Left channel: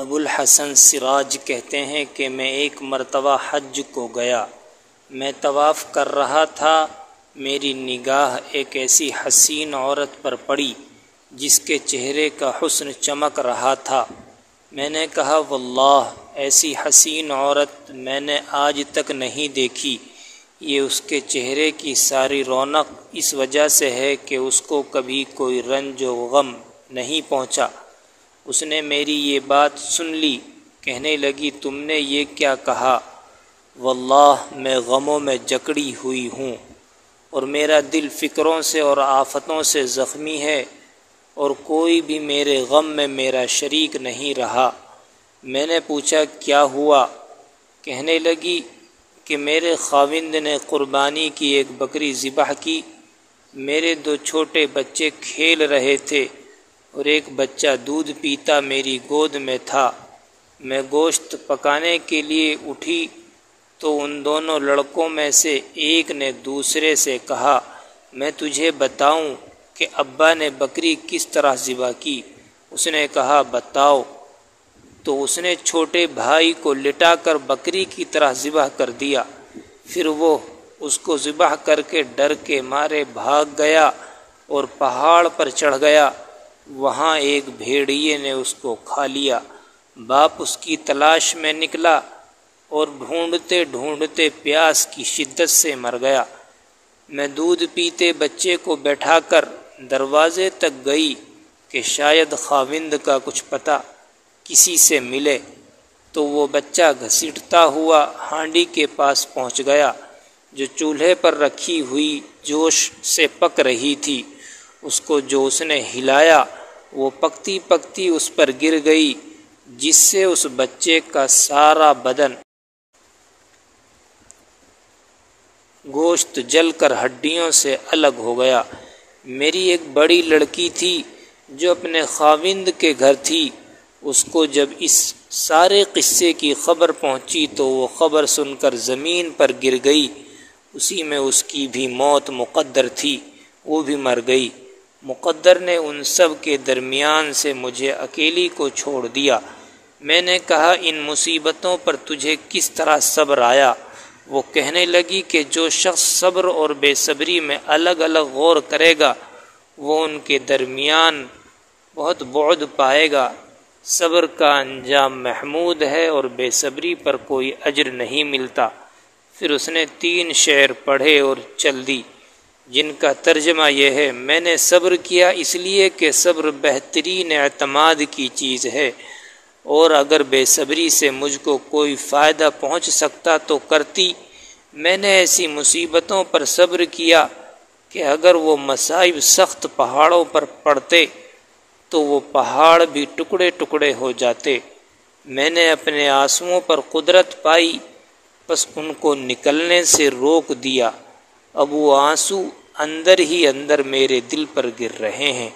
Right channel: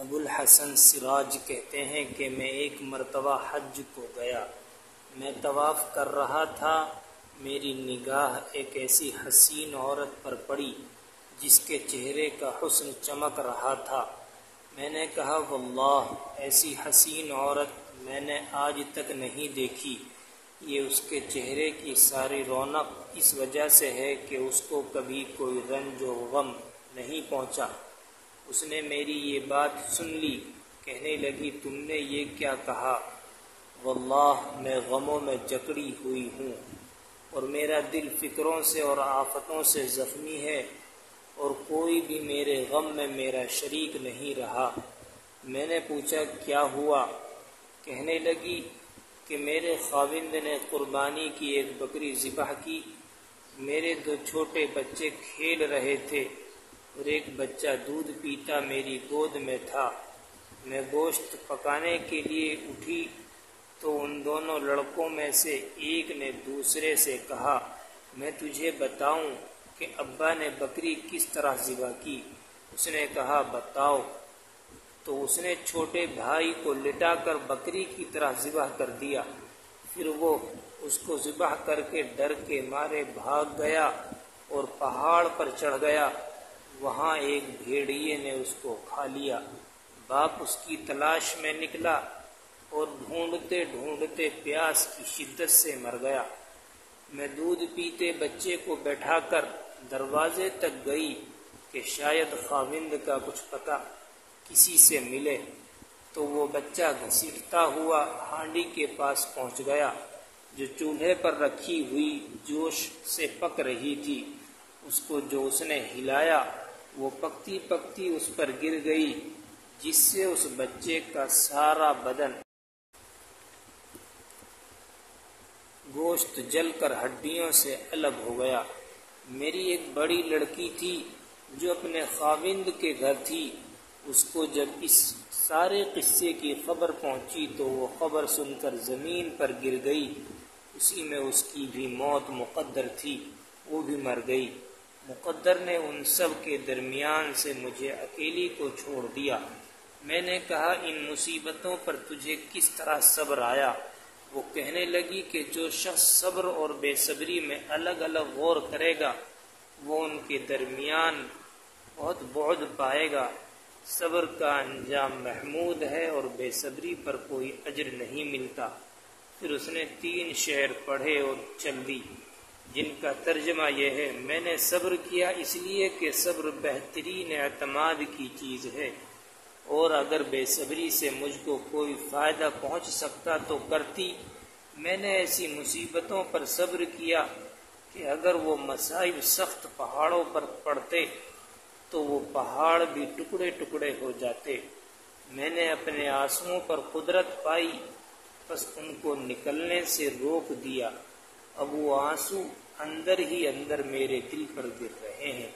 ابو الحسن سراج کہتے ہیں کہ میں ایک مرتبہ حج کو گیا۔ میں طواف کر رہا تھا، میری نگاہ ایک ایسی حسین عورت پر پڑی جس کے چہرے کا حسن چمک رہا تھا۔ میں نے کہا واللہ ایسی حسین عورت میں نے آج تک نہیں دیکھی۔ یہ اس کے چہرے کی ساری رونق اس وجہ سے ہے کہ اس کو کبھی کوئی رنج و غم نہیں پہنچا۔ اس نے میری یہ بات سن لی، کہنے لگی تم نے یہ کیا کہا؟ واللہ میں غموں میں جکڑی ہوئی ہوں اور میرا دل فکروں سے اور آفتوں سے زخمی ہے اور کوئی بھی میرے غم میں میرا شریک نہیں رہا۔ میں نے پوچھا کیا ہوا؟ کہنے لگی کہ میرے خاوند نے قربانی کی ایک بکری ذبح کی، میرے 2 چھوٹے بچے کھیل رہے تھے اور ایک بچہ دودھ پیتا میری گود میں تھا۔ میں گوشت پکانے کے لیے اٹھی تو ان دونوں لڑکوں میں سے ایک نے دوسرے سے کہا میں تجھے بتاؤں کہ ابا نے بکری کس طرح ذبح کی؟ اس نے کہا بتاؤ۔ تو اس نے چھوٹے بھائی کو لٹا کر بکری کی طرح ذبح کر دیا۔ پھر وہ اس کو ذبح کر کے ڈر کے مارے بھاگ گیا اور پہاڑ پر چڑھ گیا۔ وہاں ایک بھیڑیے نے اس کو کھا لیا۔ باپ اس کی تلاش میں نکلا اور ڈھونڈتے ڈھونڈتے پیاس کی شدت سے مر گیا۔ میں دودھ پیتے بچے کو بیٹھا کر دروازے تک گئی کہ شاید خاوند کا کچھ پتہ کسی سے ملے، تو وہ بچہ گھسیٹتا ہوا ہانڈی کے پاس پہنچ گیا جو چولہے پر رکھی ہوئی جوش سے پک رہی تھی۔ اس کو جو اس نے ہلایا وہ پکتی پکتی اس پر گر گئی، جس سے اس بچے کا سارا بدن گوشت جل کر ہڈیوں سے الگ ہو گیا۔ میری ایک بڑی لڑکی تھی جو اپنے خاوند کے گھر تھی، اس کو جب اس سارے قصے کی خبر پہنچی تو وہ خبر سن کر زمین پر گر گئی۔ اسی میں اس کی بھی موت مقدر تھی، وہ بھی مر گئی۔ مقدر نے ان سب کے درمیان سے مجھے اکیلی کو چھوڑ دیا۔ میں نے کہا ان مصیبتوں پر تجھے کس طرح صبر آیا؟ وہ کہنے لگی کہ جو شخص صبر اور بے صبری میں الگ الگ غور کرے گا وہ ان کے درمیان بہت بعد پائے گا۔ صبر کا انجام محمود ہے اور بے صبری پر کوئی اجر نہیں ملتا۔ پھر اس نے 3 شعر پڑھے اور چل دی، جن کا ترجمہ یہ ہے میں نے صبر کیا اس لیے کہ صبر بہترین اعتماد کی چیز ہے، اور اگر بے صبری سے مجھ کو کوئی فائدہ پہنچ سکتا تو کرتی۔ میں نے ایسی مصیبتوں پر صبر کیا کہ اگر وہ مصائب سخت پہاڑوں پر پڑتے تو وہ پہاڑ بھی ٹکڑے ٹکڑے ہو جاتے۔ میں نے اپنے آنسوؤں پر قدرت پائی، بس ان کو نکلنے سے روک دیا۔ اب وہ آنسو اندر ہی اندر میرے دل پر گر رہے ہیں۔